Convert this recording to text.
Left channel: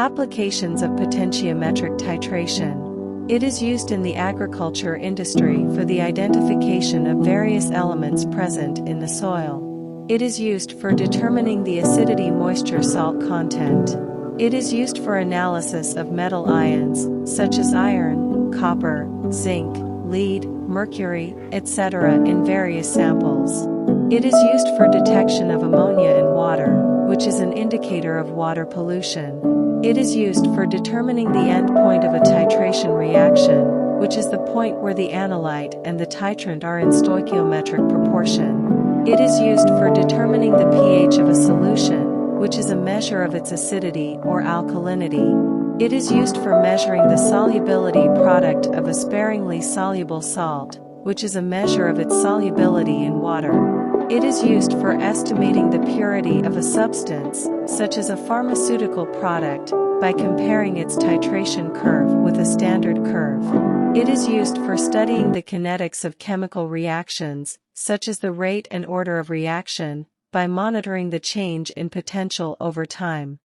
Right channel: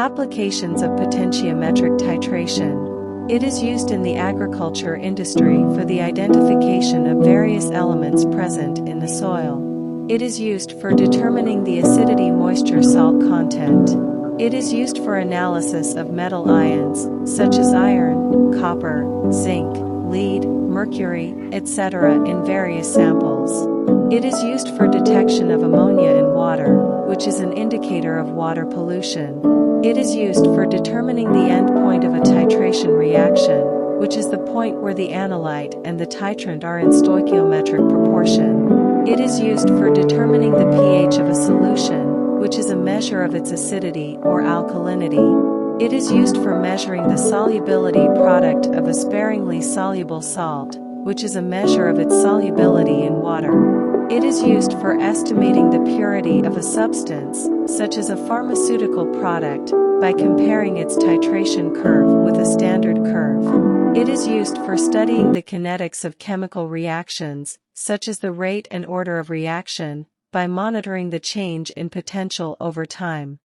Applications of potentiometric titration. It is used in the agriculture industry for the identification of various elements present in the soil. It is used for determining the acidity moisture-salt content. It is used for analysis of metal ions, such as iron, copper, zinc, lead, mercury, etc. in various samples. It is used for detection of ammonia in water, which is an indicator of water pollution. It is used for determining the end point of a titration reaction, which is the point where the analyte and the titrant are in stoichiometric proportion. It is used for determining the pH of a solution, which is a measure of its acidity or alkalinity. It is used for measuring the solubility product of a sparingly soluble salt, which is a measure of its solubility in water. It is used for estimating the purity of a substance, such as a pharmaceutical product, by comparing its titration curve with a standard curve. It is used for studying the kinetics of chemical reactions, such as the rate and order of reaction, by monitoring the change in potential over time.